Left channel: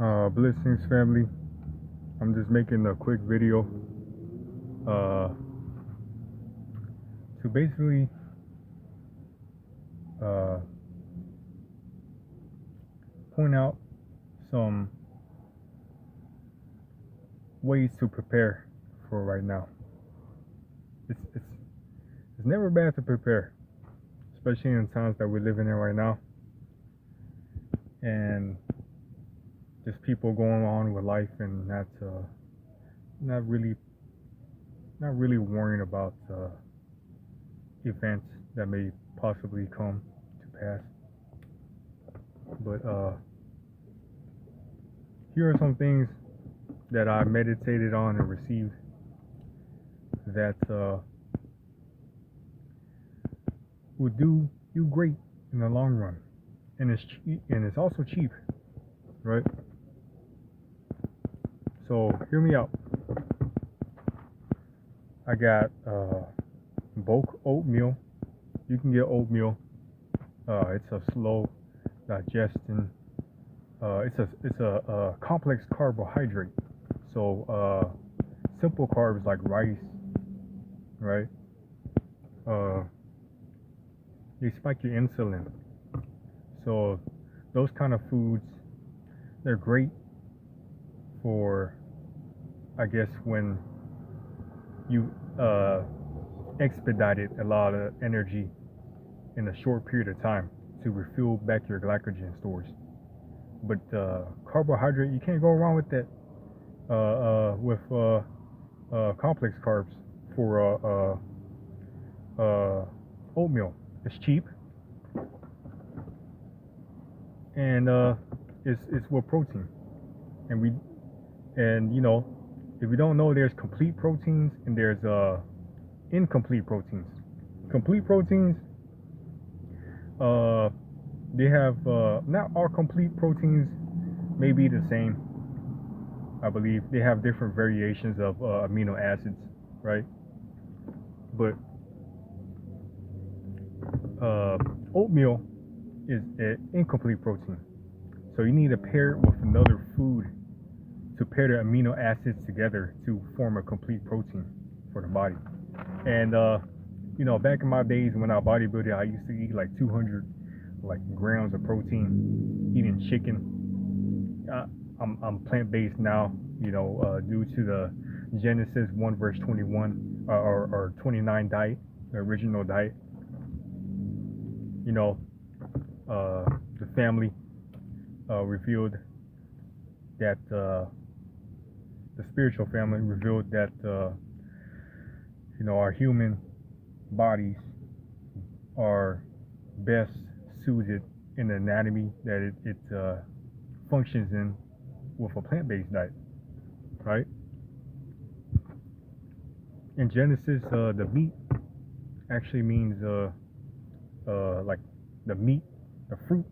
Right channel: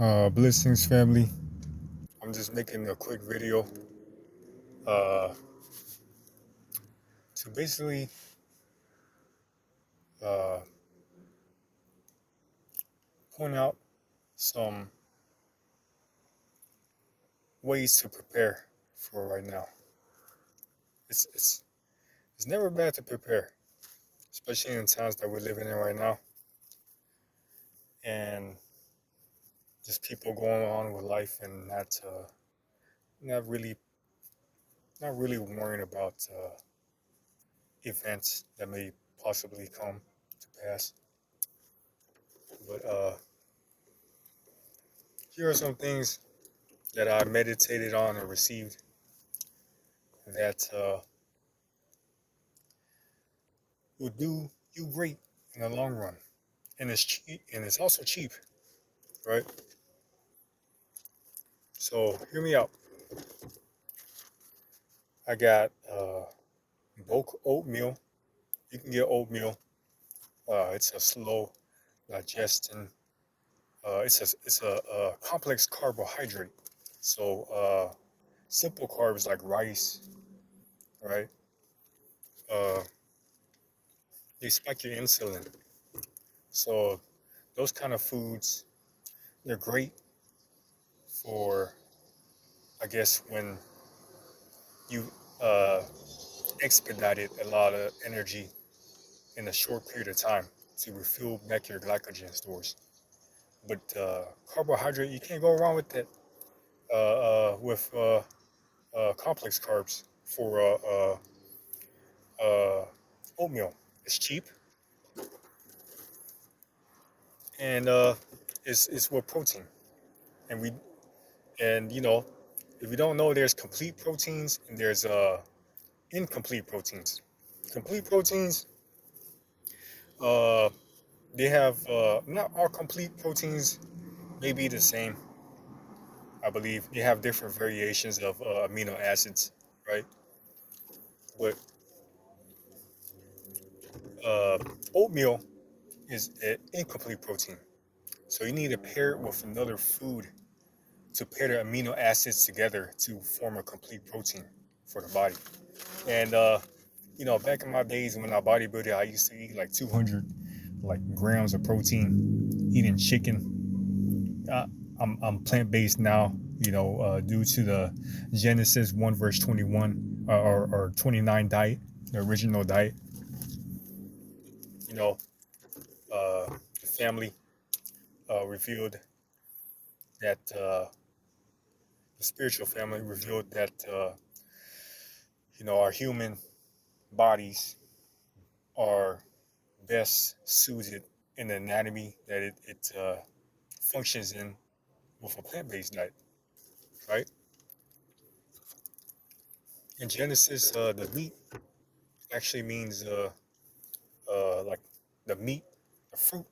Blessings family. I'm just making a quick video uh, to basically uh, point out some ways to prepare for right now. It's it's it's never bad to prepare, especially in the times that we're living in right now, and just people going on with life and not really not really worrying about events that may possibly come to pass. But here are some things that I meditated on and received that will do you great in the long run, and it's cheap, and it's also cheap, right? So hear me out. I got bulk oatmeal. You can get oatmeal. It's a slow digestion. It's a complex carbohydrate. So simple carbs like rice, right? Uh, they spike your insulin. So those kind of foods, they're great for, I guess, when you expedited a lot of energy in a short period of time to refuel back your glycogen stores. But carbohydrate, you can't go wrong with that. With complex carbs for oatmeal. It's cheap, and it's with protein. And we and you know, if you don't know, there's complete proteins and there's incomplete proteins. Complete proteins, uh, they have not all complete proteins may be the same. I believe they have different variations of amino acids, right? But uh, oatmeal is an incomplete protein, so you need to pair it with another food to pair the amino acids together to form a complete protein for the body. And back in my days when I bodybuilded, I used to eat like 200 grams of protein, eating chicken. I'm plant-based now, due to the Genesis 1 verse 21 or 29 diet, the original diet. You know, the family revealed that the spiritual family revealed that our human bodies are best suited in the anatomy that it functions in with a plant-based diet, right? In Genesis, the meat actually means like the meat, the fruit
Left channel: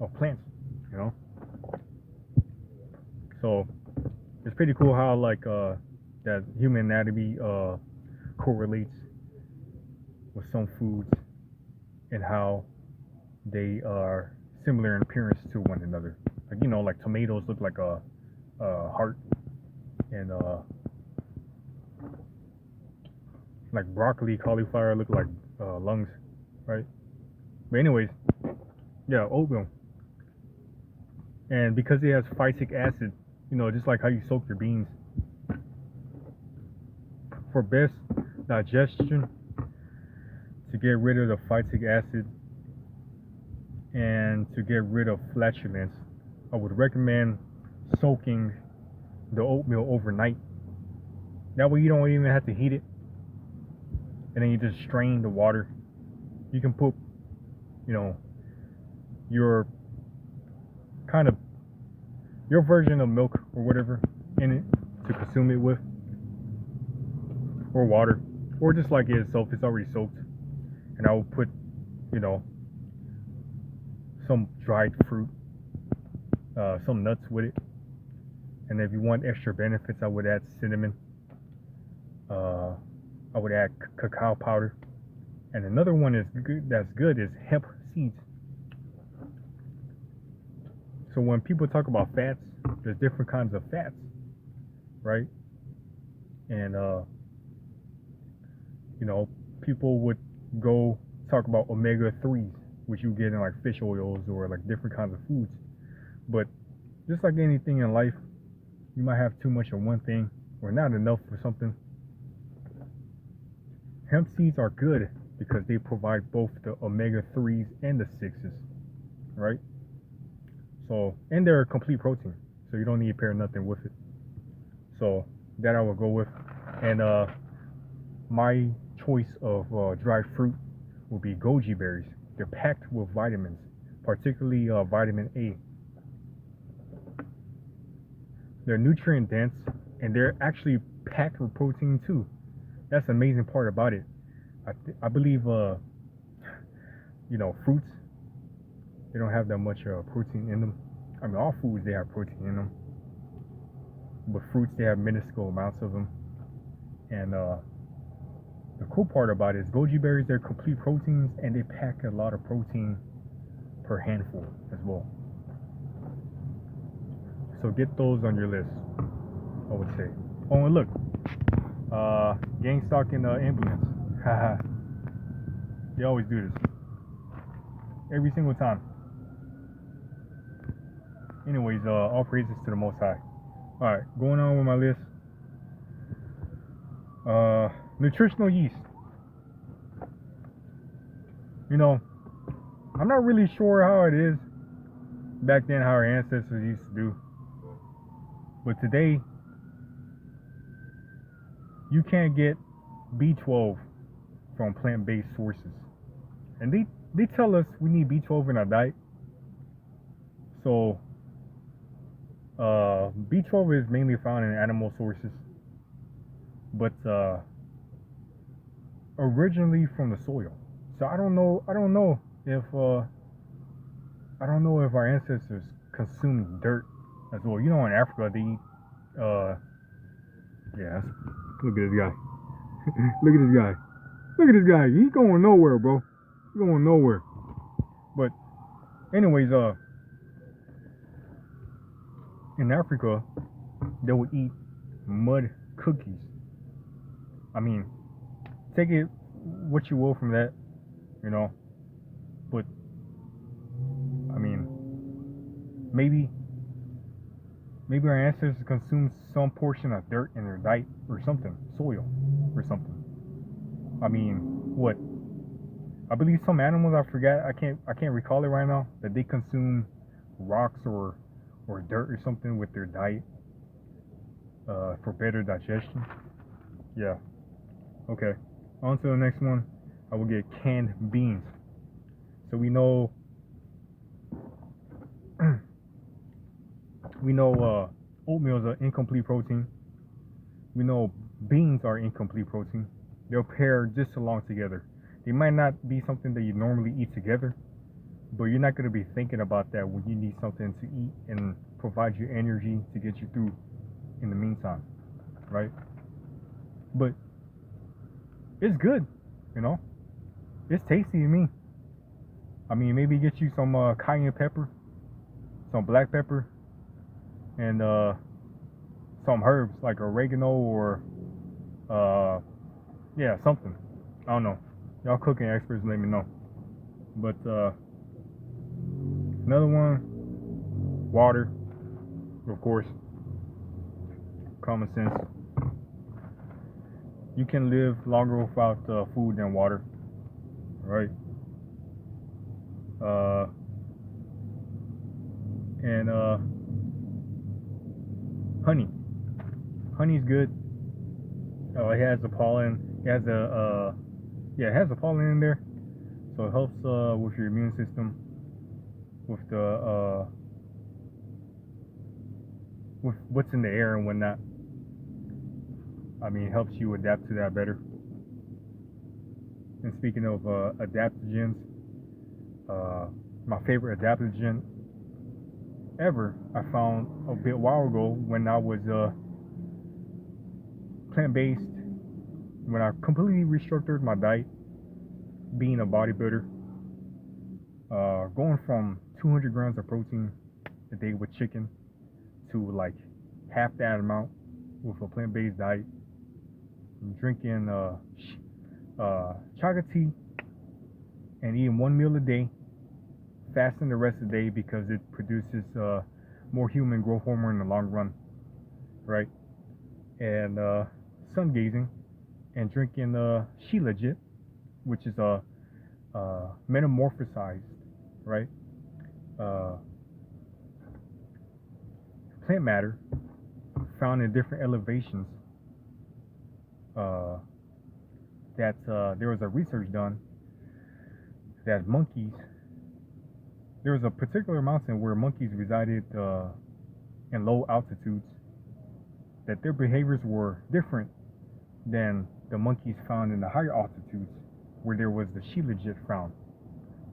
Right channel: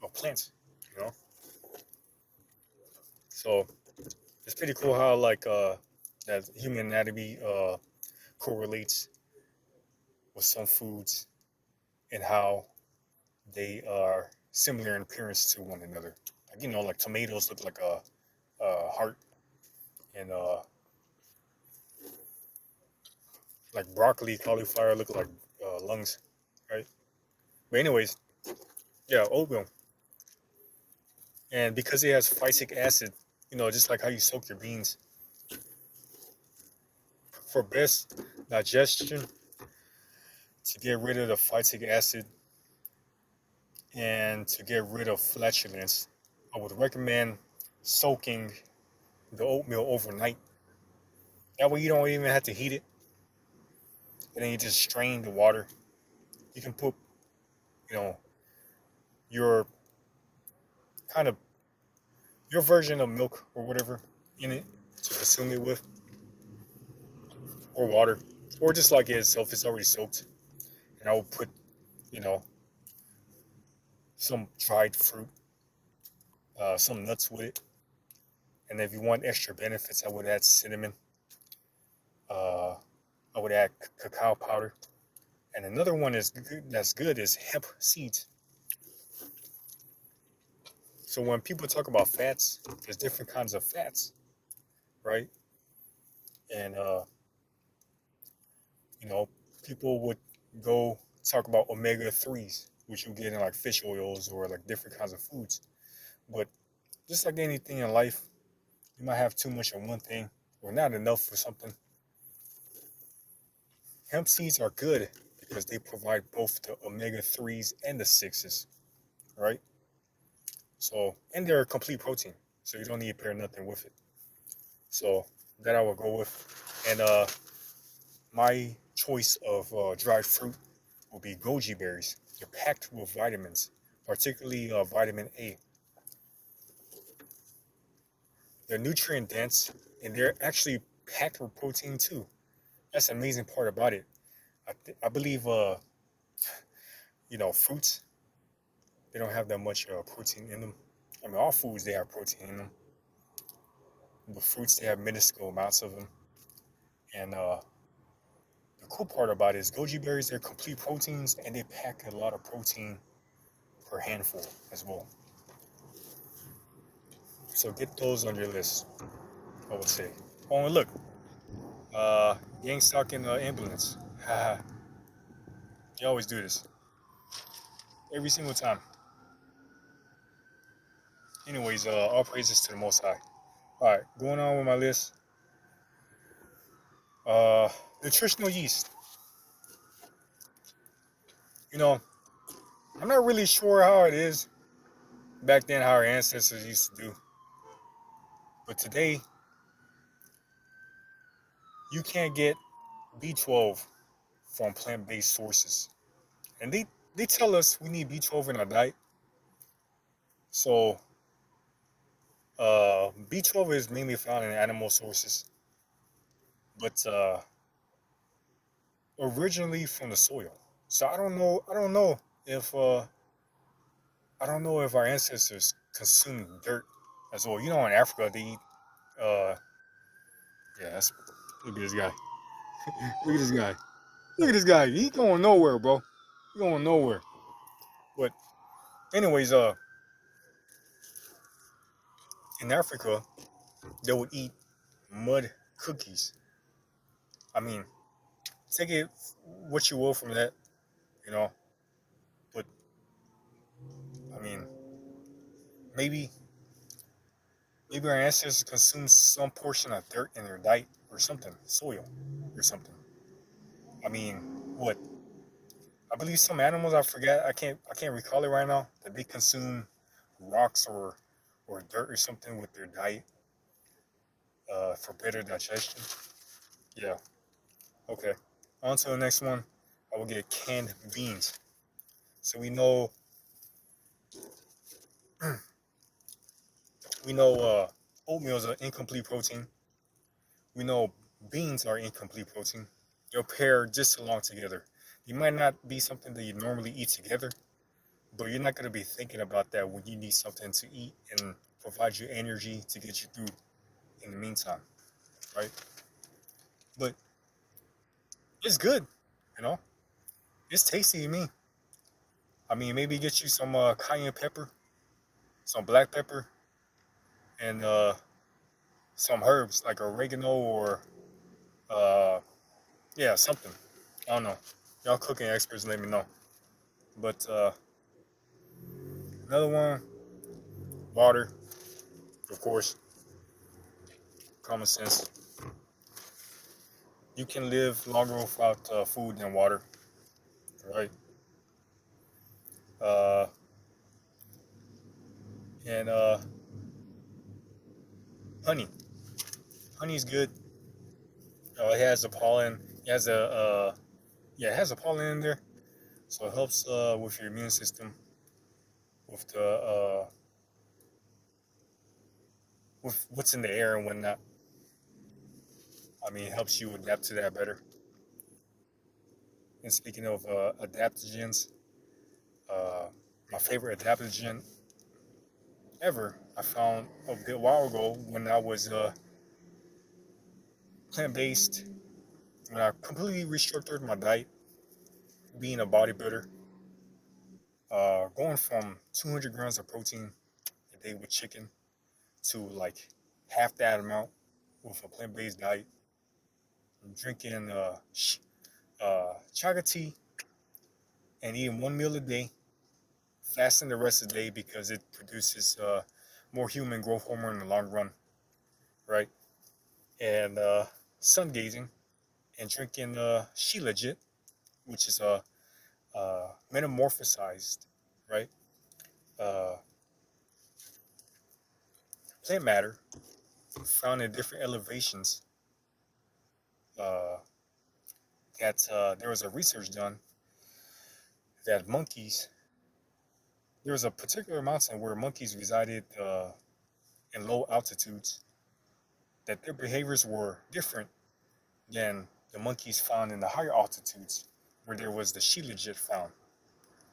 of plants, you know. So it's pretty cool how that human anatomy correlates with some foods and how they are similar in appearance to one another. Like tomatoes look like a heart, and like broccoli, cauliflower look like lungs, right? But anyways, yeah, oatmeal, and because it has phytic acid, just like how you soak your beans, for best digestion, to get rid of the phytic acid and to get rid of flatulence, I would recommend soaking the oatmeal overnight. That way you don't even have to heat it, and then you just strain the water. You can put, your kind of your version of milk or whatever in it to consume it with, or water, or just like it itself. It's already soaked, and I will put, some dried fruit, some nuts with it, and if you want extra benefits, I would add cinnamon. I would add cacao powder, and another one that's good is hemp seeds. So when people talk about fats, there's different kinds of fats, right? And you know, people would go talk about omega 3s, which you get in like fish oils or like different kinds of foods. But just like anything in life, you might have too much of one thing or not enough for something. Hemp seeds are good because they provide both the omega 3s and the 6s, right? So, and they're a complete protein, so you don't need to pair nothing with it. So that I will go with. And my choice of dried fruit will be goji berries. They're packed with vitamins, particularly vitamin A. They're nutrient dense, and they're actually packed with protein too. That's the amazing part about it. I believe, fruits, they don't have that much protein in them. I mean, all foods, they have protein in them. But fruits, they have minuscule amounts of them. And the cool part about it is goji berries, they're complete proteins, and they pack a lot of protein per handful as well. So get those on your list, I would say. Oh, and look, gang stalking ambulance. Haha. They always do this. Every single time. Anyways, all praises to the Most High. Alright, going on with my list. Nutritional yeast. You know, I'm not really sure how it is back then, how our ancestors used to do. But today, you can't get B12 from plant-based sources. And they tell us we need B12 in our diet. So B12 is mainly found in animal sources, but originally from the soil. So I don't know if our ancestors consumed dirt as well. You know, in Africa they eat look at this guy. Look at this guy. Look at this guy. He going nowhere, bro. He going nowhere. But anyways, in Africa, they would eat mud cookies. I mean, take it what you will from that, you know. But I mean, maybe our ancestors consumed some portion of dirt in their diet or something, soil or something. I mean, what? I believe some animals, I forget, I can't recall it right now, that they consume rocks or dirt or something with their diet for better digestion. Yeah. Okay. On to the next one. I will get canned beans. So we know oatmeal is an incomplete protein. We know beans are incomplete protein. They'll pair just along together. They might not be something that you normally eat together, but you're not going to be thinking about that when you need something to eat and provide you energy to get you through in the meantime, right? But it's good, you know? It's tasty to me. I mean, maybe get you some cayenne pepper, some black pepper, and some herbs like oregano or something. I don't know. Y'all cooking experts, let me know. But another one, water, of course. Common sense. You can live longer without food than water, right? And honey. Honey's good. It has the pollen. It has it has the pollen in there, so it helps with your immune system, with the with what's in the air and whatnot. I mean, it helps you adapt to that better. And speaking of adaptogens, my favorite adaptogen ever I found a bit while ago when I was plant-based, when I completely restructured my diet, being a bodybuilder, going from 200 grams of protein a day with chicken to like half that amount with a plant-based diet, drinking chaga tea, and eating one meal a day, fasting the rest of the day because it produces more human growth hormone in the long run, right? And sun gazing and drinking shilajit, which is a metamorphosized, right? Uh, Plant matter found in different elevations. There was a research done that monkeys, there was a particular mountain where monkeys resided in low altitudes, that their behaviors were different than the monkeys found in the higher altitudes where there was the shilajit found.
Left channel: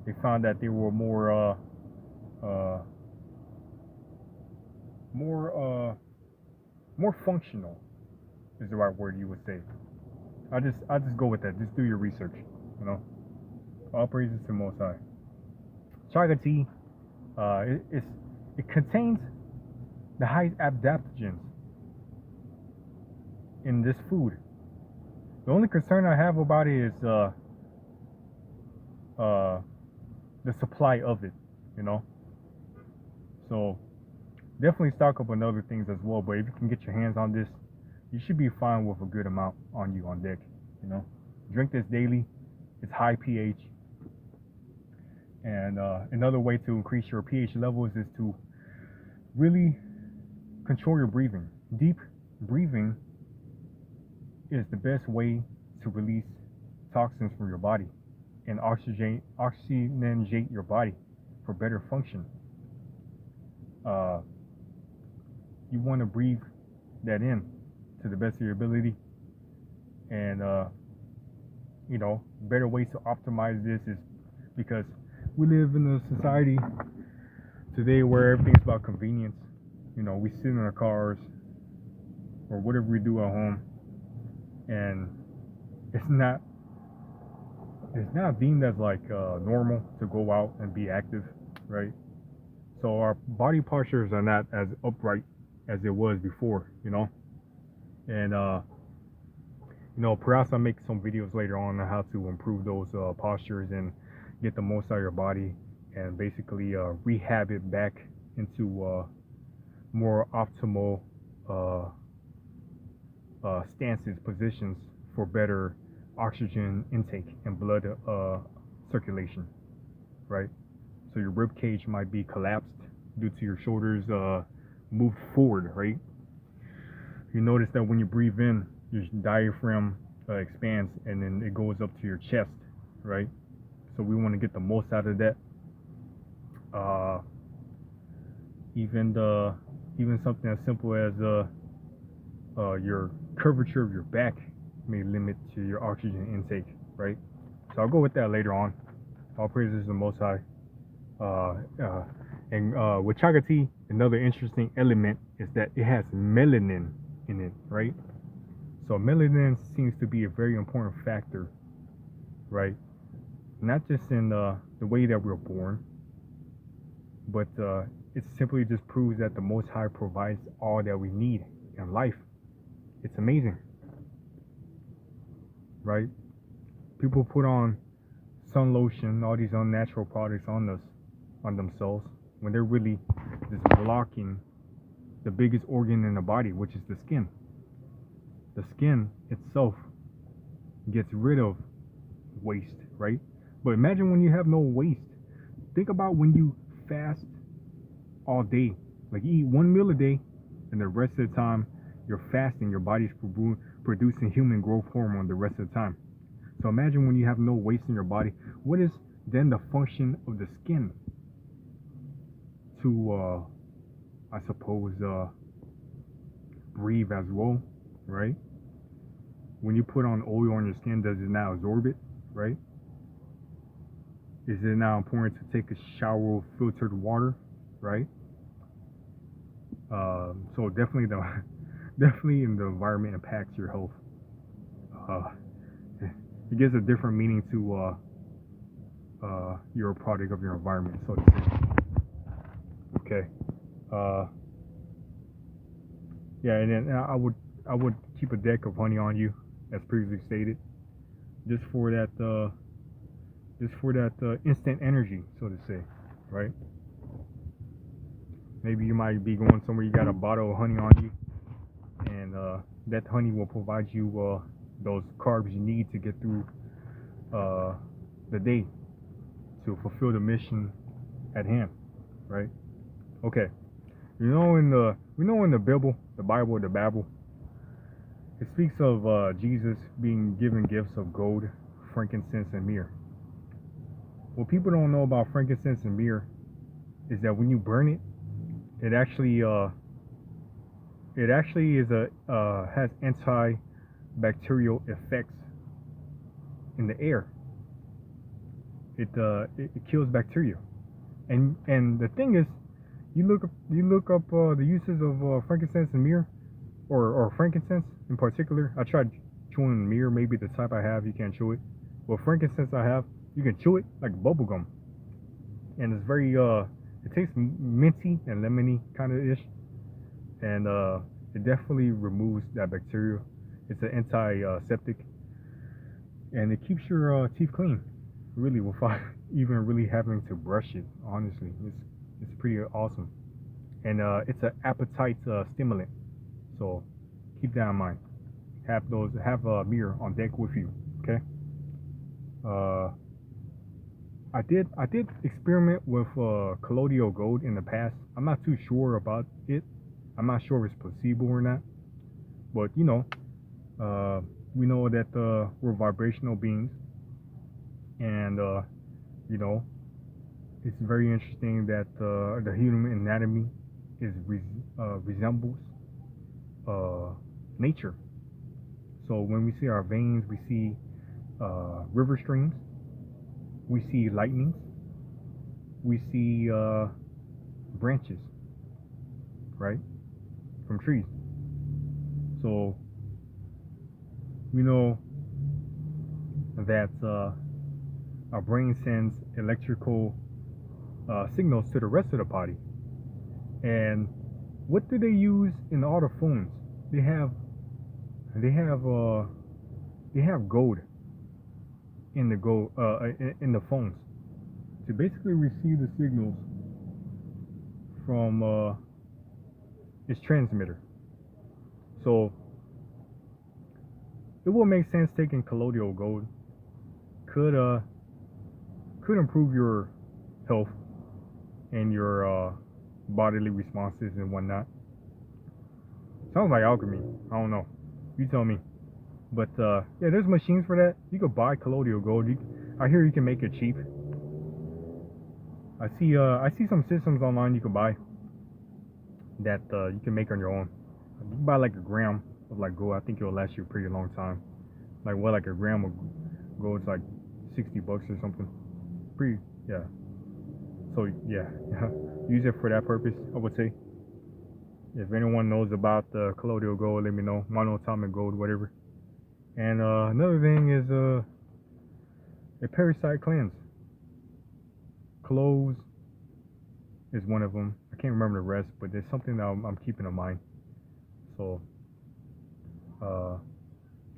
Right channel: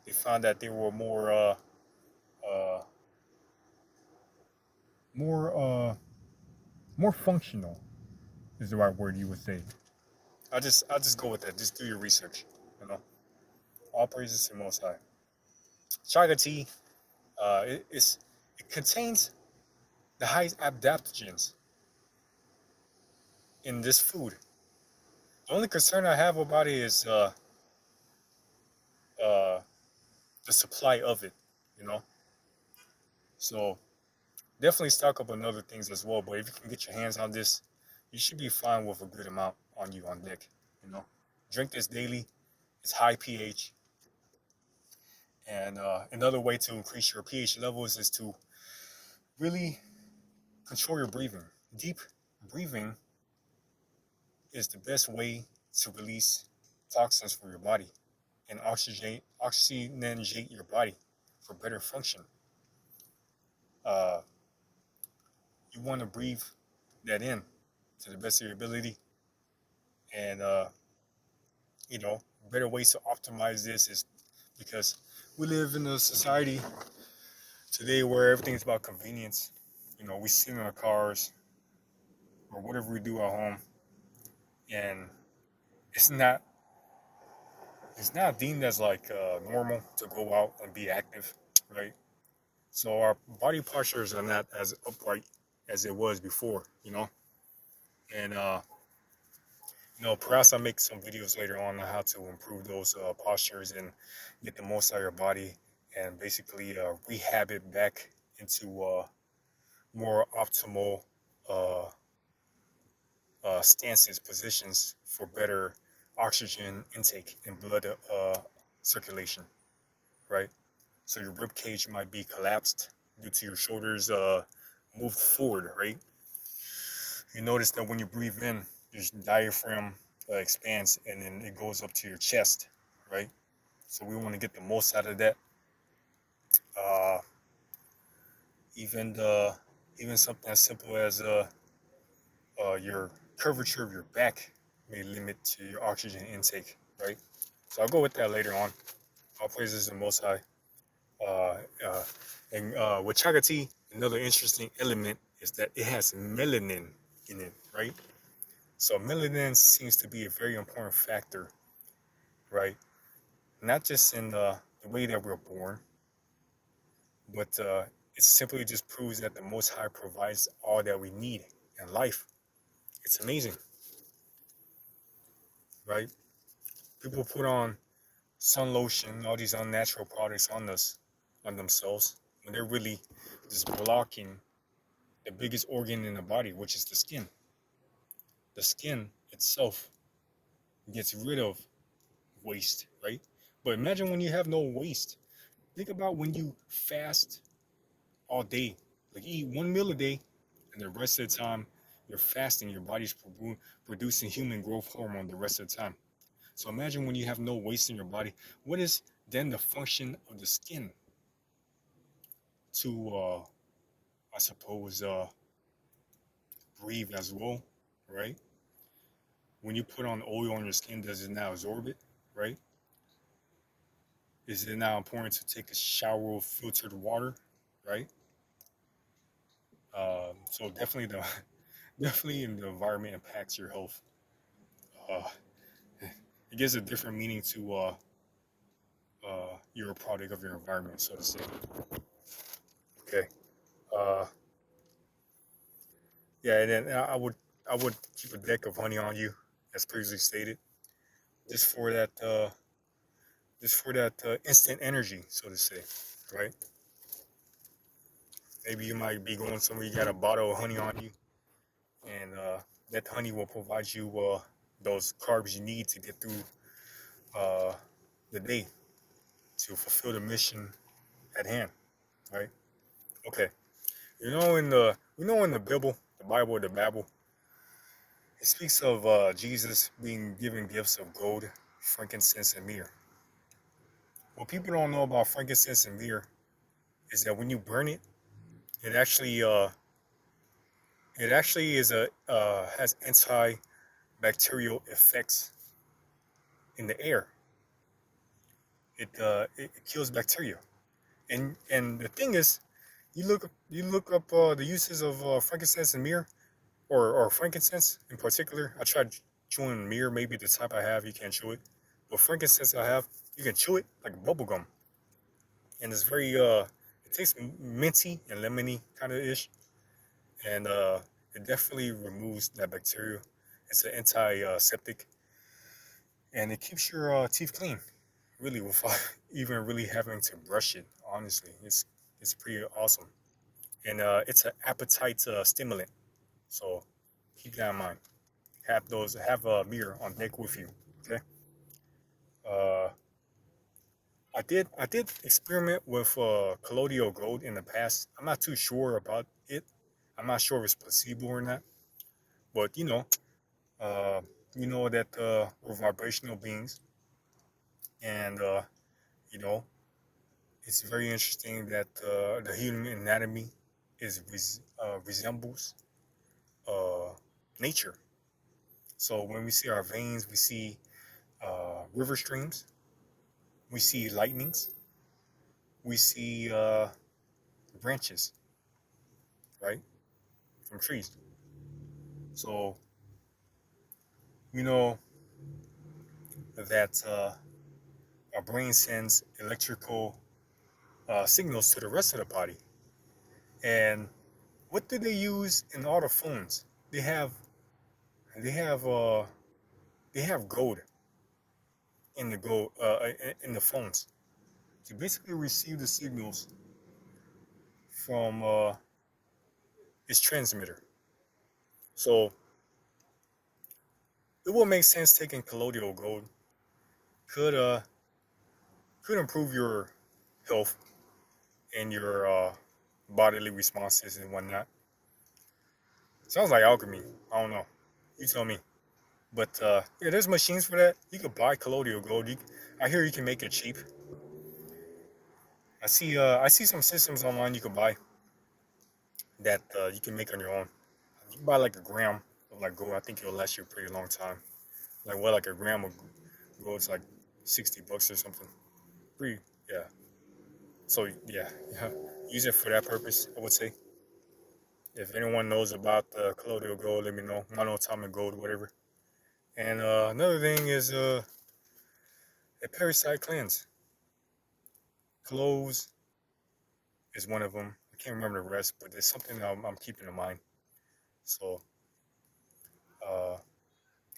They found that they were more functional is the right word you would say. I'll just go with that. Just do your research, you know. All praises to Most High. Chaga tea, it contains the highest adaptogens in this food. The only concern I have about it is the supply of it, you know. So definitely stock up on other things as well. But if you can get your hands on this, you should be fine with a good amount on you on deck, you know. Drink this daily. It's high pH. And another way to increase your pH levels is to really control your breathing. Deep breathing is the best way to release toxins from your body and oxygenate your body for better function. You want to breathe that in to the best of your ability. And, better ways to optimize this is because we live in a society today where everything's about convenience. You know, we sit in our cars or whatever we do at home, and it's not deemed as like normal to go out and be active, right? So our body postures are not as upright as it was before, you know. And perhaps I'll make some videos later on how to improve those postures and get the most out of your body and basically rehab it back into more optimal stances, positions for better oxygen intake and blood circulation, right? So your rib cage might be collapsed due to your shoulders moved forward, right? You notice that when you breathe in, your diaphragm expands and then it goes up to your chest, right? So we want to get the most out of that. Even something as simple as your curvature of your back may limit to your oxygen intake, right? So I'll go with that later on. All praises to the Most High. And with chaga tea, another interesting element is that it has melanin in it, right? So melanin seems to be a very important factor, right? Not just in the way that we're born, but it simply just proves that the Most High provides all that we need in life. It's amazing, right? People put on sun lotion, all these unnatural products on themselves, when they're really just blocking the biggest organ in the body, which is the skin. The skin itself gets rid of waste, right? But imagine when you have no waste. Think about when you fast all day, like you eat one meal a day, and the rest of the time you're fasting, your body's producing human growth hormone the rest of the time. So imagine when you have no waste in your body, what is then the function of the skin? To, I suppose, breathe as well, right? When you put on oil on your skin, does it now absorb it, right? Is it now important to take a shower of filtered water, right? So definitely in the environment impacts your health. It gives a different meaning to you're a product of your environment, so to say. Okay. Uh, yeah, and then I would keep a deck of honey on you, as previously stated, just for that instant energy, so to say, right? Maybe you might be going somewhere, you got a bottle of honey on you, and that honey will provide you those carbs you need to get through uh, the day to fulfill the mission at hand, right? Okay, we know in the Bible, the Bible, it speaks of Jesus being given gifts of gold, frankincense, and myrrh. What people don't know about frankincense and myrrh is that when you burn it, it actually is a has antibacterial effects in the air. It kills bacteria, and the thing is, you look up the uses of frankincense and myrrh, or frankincense in particular. I tried chewing myrrh, maybe the type I have you can't chew it. Well, frankincense I have, you can chew it like bubble gum, and it's very it tastes minty and lemony kind of ish, and it definitely removes that bacteria. It's an antiseptic, and it keeps your teeth clean, really, without even really having to brush it. Honestly, it's pretty awesome, and it's an appetite stimulant. So keep that in mind. Have a mirror on deck with you. Okay. Uh, I did experiment with colloidal gold in the past. I'm not too sure about it. I'm not sure if it's placebo or not. But uh, we know that we're vibrational beings, and you know, it's very interesting that the human anatomy resembles uh, nature. So when we see our veins, we see river streams, we see lightnings, we see branches, right, from trees. So we know that our brain sends electrical signals to the rest of the body. And what do they use in all the phones? They have they have uh, they have gold in the phones to basically receive the signals from its transmitter. So it will make sense taking colloidal gold could uh could improve your health and your bodily responses and whatnot. Sounds like alchemy. I don't know. You tell me. But yeah, there's machines for that. You could buy colloidal gold. I hear you can make it cheap. I see some systems online you can buy that you can make on your own. You can buy like a gram of like gold. I think it'll last you a pretty long time. Like a gram of gold, it's like $60 or something. Pretty, yeah. So yeah, use it for that purpose, I would say. If anyone knows about the colloidal gold, let me know. Monatomic gold, whatever. And another thing is a parasite cleanse. Cloves is one of them. I can't remember the rest, but there's something that I'm keeping in mind. So uh,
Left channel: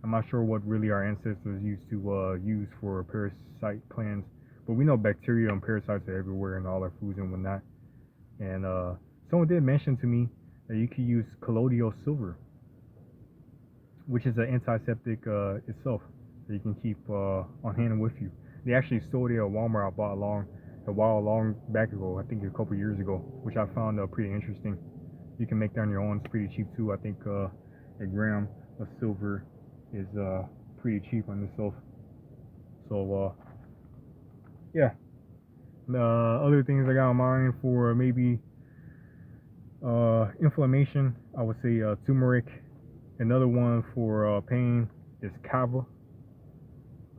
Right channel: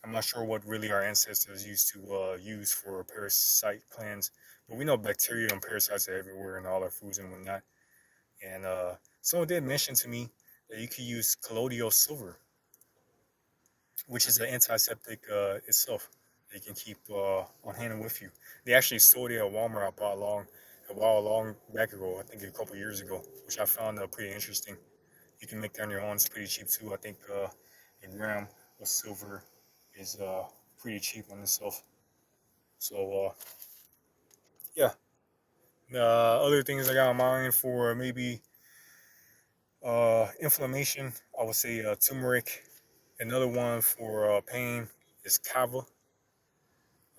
I'm not sure what really our ancestors used to use for a parasite cleanse, but we know bacteria and parasites are everywhere in all our foods and whatnot. And someone did mention to me that you could use colloidal silver, which is an antiseptic itself that you can keep on hand and with you. They actually sold it at Walmart. I bought a long back ago, I think a couple years ago, which I found pretty interesting. You can make that on your own. It's pretty cheap too. I think a gram of silver is pretty cheap on itself. So yeah, other things I got in mind for maybe inflammation, I would say turmeric. Another one for pain is kava.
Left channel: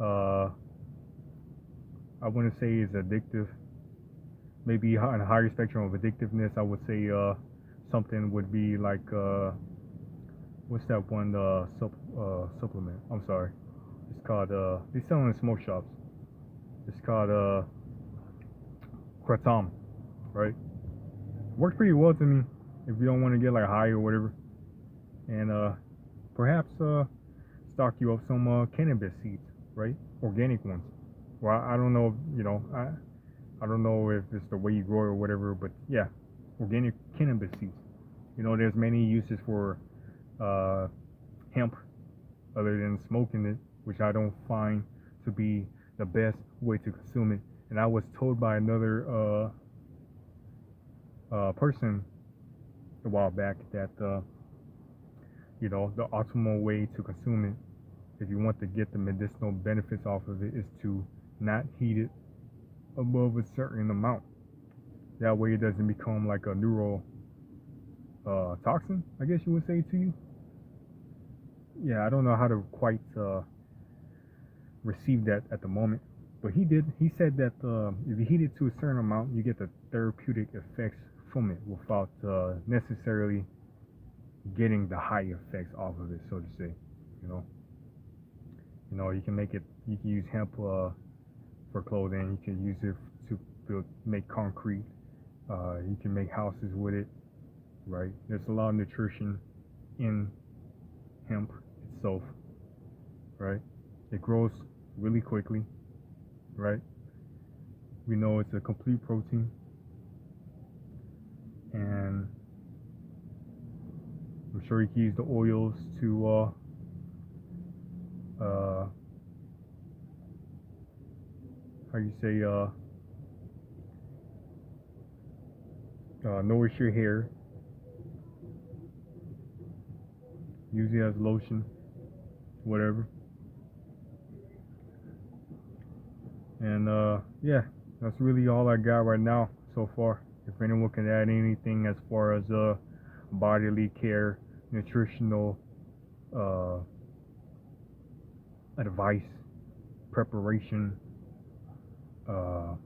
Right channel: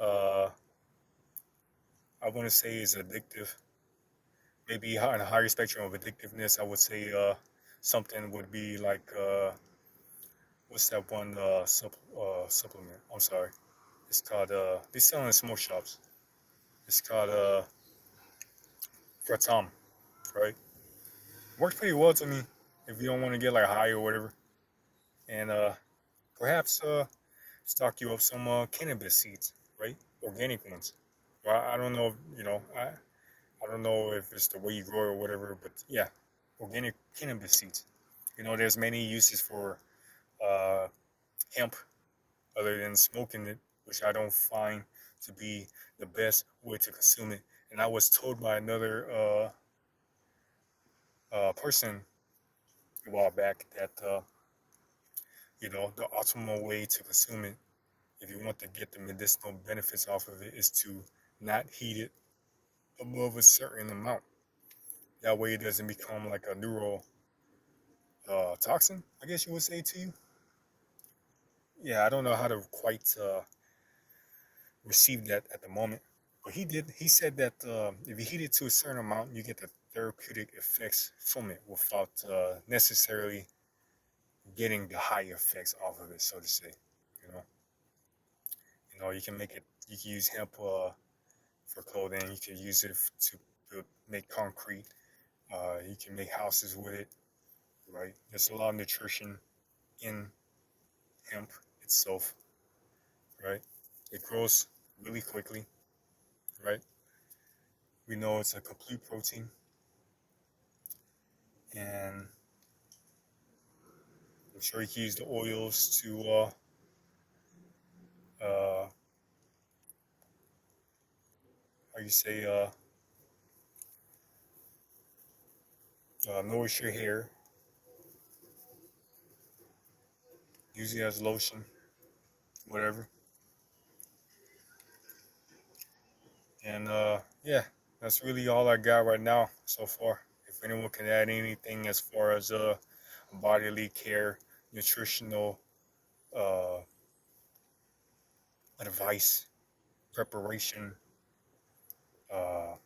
Uh, I wouldn't say is addictive. Maybe on a higher spectrum of addictiveness, I would say something would be like what's that one supplement? I'm sorry. It's called they sell in smoke shops. It's called kratom, right? Works pretty well to me if you don't want to get like high or whatever. And perhaps stock you up some cannabis seeds, right? Organic ones. Well, I don't know, I don't know if it's the way you grow or whatever, but yeah, organic cannabis seeds. There's many uses for uh, hemp other than smoking it, which I don't find to be the best way to consume it. And I was told by another person a while back that the optimal way to consume it, if you want to get the medicinal benefits off of it, is to not heat it above a certain amount. That way, it doesn't become like a neural toxin, I guess you would say to you. Yeah, I don't know how to quite receive that at the moment, but he did. He said that if you heat it to a certain amount, you get the therapeutic effects from it without necessarily getting the high effects off of it, so to say. You know, you can make it. You can use hemp for clothing. You can use it to make concrete. You can make houses with it, right? There's a lot of nutrition in hemp itself, right? It grows really quickly, right? We know it's a complete protein, and I'm sure you can use the oils to how you say nourish your hair. Use it as lotion, whatever. And yeah, that's really all I got right now so far. If anyone can add anything as far as bodily care, nutritional uh, advice, preparation, uh,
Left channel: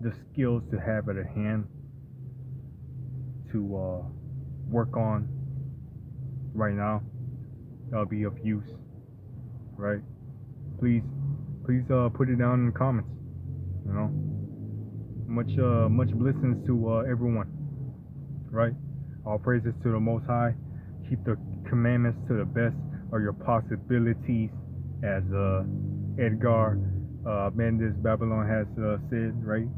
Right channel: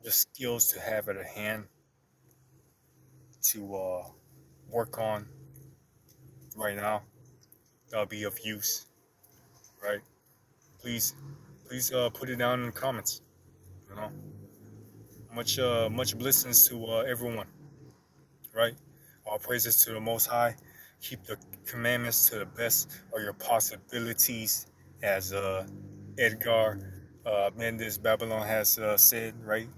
the skills to have at hand to work on right now, that'll be of use, right? Please, please put it down in the comments. You know, much blessings to everyone, right? All praises to the Most High. Keep the commandments to the best of your possibilities, as Edgar Mendes Babylon has said, right?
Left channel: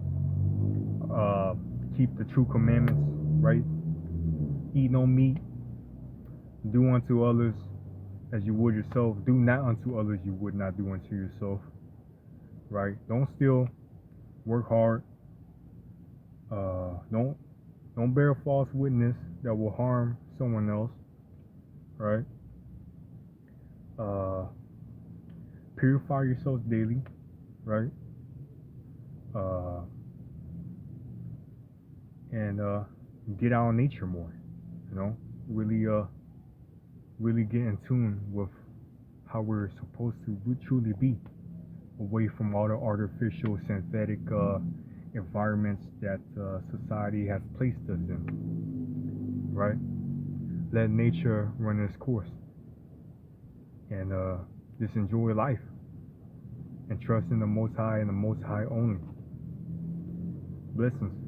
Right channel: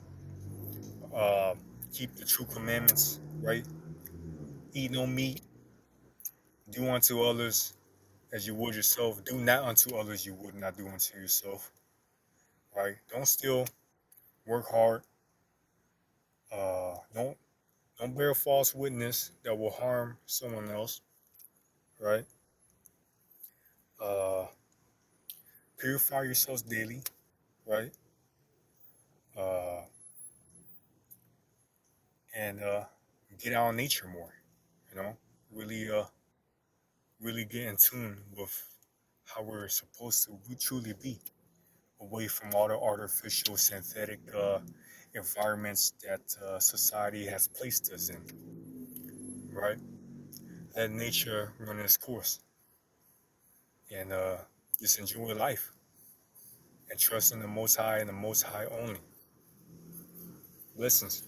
Uh, Keep the true commandments, right? Eat no meat. Do unto others as you would yourself. Do not unto others you would not do unto yourself, right? Don't steal. Work hard. Don't bear false witness that will harm someone else, right? Uh, Purify yourselves daily, right? Uh, and get out in nature more, you know. Really, really get in tune with how we're supposed to truly be, away from all the artificial, synthetic environments that society has placed us in, right? Let nature run its course, and just enjoy life and trust in the Most High and the Most High only. Blessings.